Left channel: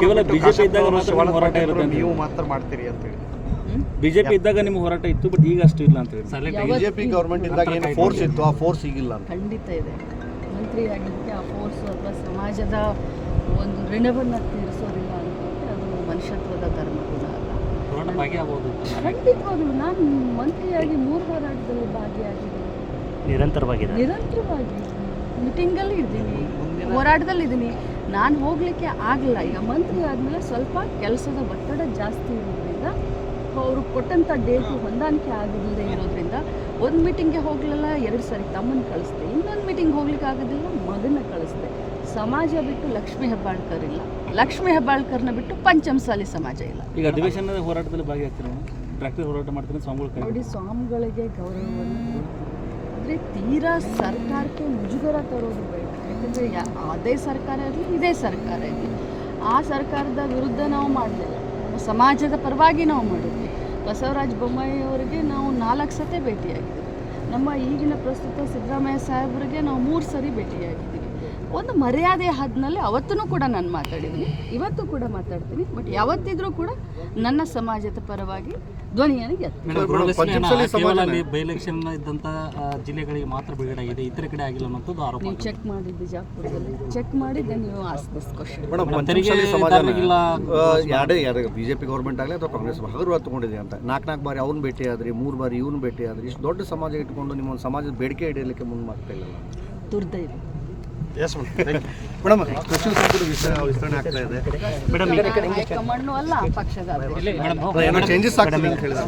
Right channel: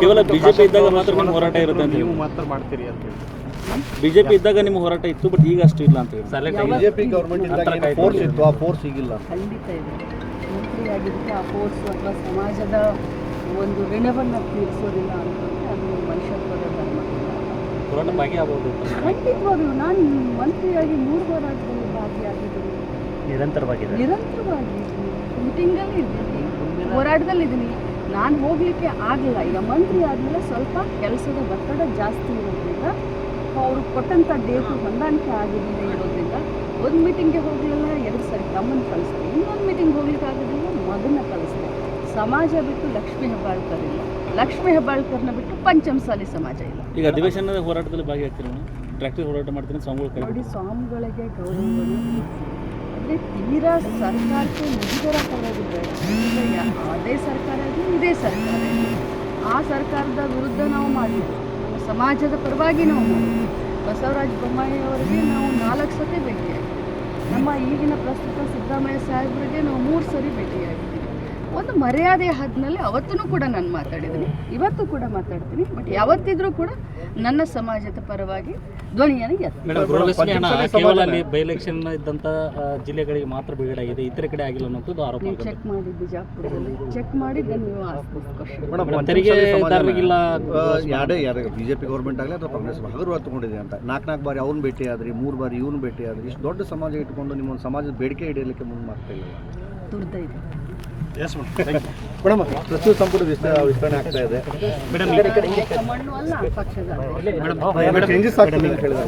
ಕೇವಲ ಬಿಜೆಪಿ ಇದ್ದಾಗ ಮಾತ್ರ ನಿಮ್ಮ ಹೋರಾಟ ಇರುತ್ತೆ ನೀವು ಮಾತ್ರ ಮಾಡ್ತೀರಿ ಅಂತ ಹೇಳಿ. ಬಿಜೆಪಿ ಇದ್ದಾಗ ನಿಮ್ಮ ಹೋರಾಟ ಇತ್ತು ಬಟ್ ಈಗ ಅಷ್ಟು ಇಲ್ಲ ಅಂತ ಹೇಳಿ. ಬಿಜೆಪಿ ಗೌರ್ಮೆಂಟ್ ಇದ್ದಾಗ ಫೋರ್ಸ್ ಇತ್ತು? ಆ ಫೋರ್ಸ್ ಈಗಿಲ್ಲ ಖಂಡಿತ ಇದೆ. ಮಂತ್ರಿ ಆ ಫೋರ್ಸ್ ಒಬ್ಬ ಸಮಾಜದ ಒಂದು ಋಣವನ್ನು ತೀರಿಸೋದಿಲ್ಲ ಅನ್ನೋದಕ್ಕೆ ಅದು ಮನುಷ್ಯತ್ವದ ಧರ್ಮ. ಖಂಡಿತವಾಗ್ಲೂ ನಾನು ಮಂತ್ರಿಯಾಗಿ ಮೂರು ಹೋರಾಟದಲ್ಲಿ ಭಾಗಿಯಾಗಿದ್ದೀನಿ. ನಿರಂತರವಾಗಿ ನಿರಂತರವಾಗಿ ಮೀಟಿಂಗಲ್ಲಿ ಇದ್ದೀನಿ. ಹೋರಾಟದಲ್ಲಿ ಇದ್ದೀನಿ ನಾನು ಹೋಗಲಿಕ್ಕೆ ಆಗಲಿಲ್ಲ. ಈಗ ಮಂತ್ರಿ ಆದಮೇಲೆ ಸ್ವಲ್ಪ ಕೆಲಸದ ಒತ್ತಡ ಜಾಸ್ತಿ ಇರೋದ್ರಿಂದ ಅವರು ಕೊಟ್ಟಂಥ ಡೇಟು ಹೊಂದಾಣಿಕೆ ಆಗಿದೆ ಇರೋದ್ರಿಂದ ಒಂದು ಮೀಟಿಂಗ್ಗೆ ಹೋಗಲಿಲ್ಲ ಎರಡು ಸಾರಿ ತಮ್ಮನ್ನು ಕಳಿಸ್ದೆ. ಇನ್ನೊಂದು ಮೀಟಿಂಗ್ ಹೋಗ್ಲಿಕ್ಕೆ ಆಗೋದಿಲ್ಲ ಮಗನ ಕಳಿಸ್ದೆ. ಸಮಾಜ ಬಿಟ್ಟು ಲಕ್ಷ್ಮೀ ಹೆಬ್ಬಾಳ್ಕರ್ ಇಲ್ಲ. ಲಕ್ಷ್ಮೀ ಹೆಬ್ಬಾಳ್ಕರ್ನ ಬಿಟ್ಟು ಪಂಚಮಸಾಲಿ ಸಮಾಜ ಇಲ್ಲ. ಈಗ ಅಧಿವೇಶನದ ಹೋರಾಟದಲ್ಲಿ ಭಾಗಿಯಾಗ್ತೀರಿ ಟ್ರ್ಯಾಕ್ಟರ್ ಹೋರಾಟ ಮಾಡ್ತೀನಿ ನೋಡಿ ಸ್ವಾಮಿಗಳಿಗೆ ಗೌರವವನ್ನು ಆದರೆ ತೀರಾ ಸರ್ಕಾರಕ್ಕೆ ಮುಜುಗರ ಕೊಡೋದು ಬೇಡ. ಅದೇ ಸರ್ಕಾರ ಆಗಲಿ ಇದೇ ಸರ್ಕಾರ ಆ ಸರ್ಕಾರದ ವಿರುದ್ಧ ನಾವು ಮಾಡಿದ್ವಿ ಸಮಾಜದ ಪರವಾಗಿ ನಾವು ಮಾಡಿದ್ವಿ ಬಸವರಾಜ ಬೊಮ್ಮಾಯಿ ಅವರಿಗೆ ನಾವು ನಾಲ್ಕು ಸತಿ ಭೇಟಿಯಾಗಿದ್ದೀವಿ ನಮ್ಮ ಈಗಿನ ಪ್ರಸ್ತುತ ಸಿದ್ದರಾಮಯ್ಯ ಸಾಹೇಬರಿಗೆ ನಾವು ಮೂರು ಸರಿ ಭೇಟಿಯಾಗಿದ್ದೀವಿ ಒಂದು ಮರ್ಯಾದೆ ಹದ್ನಲ್ಲಿ ಅವತ್ತೂ ಕೂಡ ನಾನು ಮಾತಾಡಿದ್ದೀನಿ. ಇವತ್ತು ಕೂಡ ಮಾತಾಡ್ತೀನಿ. ಬಟ್ ಯಾವತ್ತಿದ್ರೂ ಕೂಡ ನನ್ನ ಸಮಾಜದ ಪರವಾಗಿ ಧ್ವನಿಯನ್ನು ಎತ್ತಿ ಕೇವಲ ಬೈ ಎಲೆಕ್ಷನ್ ಇದ್ದಂಥ ಜಿಲ್ಲೆಗಳಿಗೆ ಮಾತ್ರ ಬಿಡುಗಡೆ ಆಗಿದೆ ಇತರ ಕಡೆ ಆಗಿಲ್ಲ ಅನ್ನೋದು ಆರೋಪ ನೀವು ಚೆಕ್ ಮಾಡಿ ಬಿಜಾಪುರದಲ್ಲಿ ಚೆಕ್ ಮಾಡಿದ್ದೆ ನೀವು ಆಸ್ ದಿಸ್ ಕ್ವಶನ್ ಮೇಡಮ್, ತೆರಿಗೆದಾರರಿಗಿಲ್ಲ ಯಾರೇ ಯಾರೇ ಬಿಜೆಪಿ ಗೌರ್ಮೆಂಟ್ ಆಗಲಿ ಅಥವಾ ಕಾಂಗ್ರೆಸ್ ಅವರು ತಗೊಂಡಿದೆ ಅಂತ. ನಾಲ್ಕು ನಾಲ್ಕು ಬಾರಿ ಅವ್ನು ಭೇಟಿ ಆದ್ರಿ ಮೂರು ಬಾರಿ ಇವ್ನು ಭೇಟಿ ಆದ್ರಿ. ಇಷ್ಟು ದೊಡ್ಡ ಸಮಾಜ ಇಟ್ಕೊಂಡು ನಿಮ್ಮ ಸಮಾಜದ ಬೇಡಿಕೆ ಇಡಲಿಕ್ಕೆ ಮುಂದೆ ಮಾಡ್ತಾ ಇಲ್ಲ ದುರ್ದೈವ. ಎಸ್ ಮೇಡಮ್ ಸಚಿವ ಸಂಪುಟ ವಿಸ್ತಾರ ವಿಸ್ತರಣೆ ಆಗ್ತಾ ಇದೆ. ಮಣ್ಣು ಅಲ್ಲ ಪಕ್ಷದ ಚೇಂಜಸ್ ಆಗ್ತದೆ ಅಂತ ಹೇಳಿದ್ರೆ.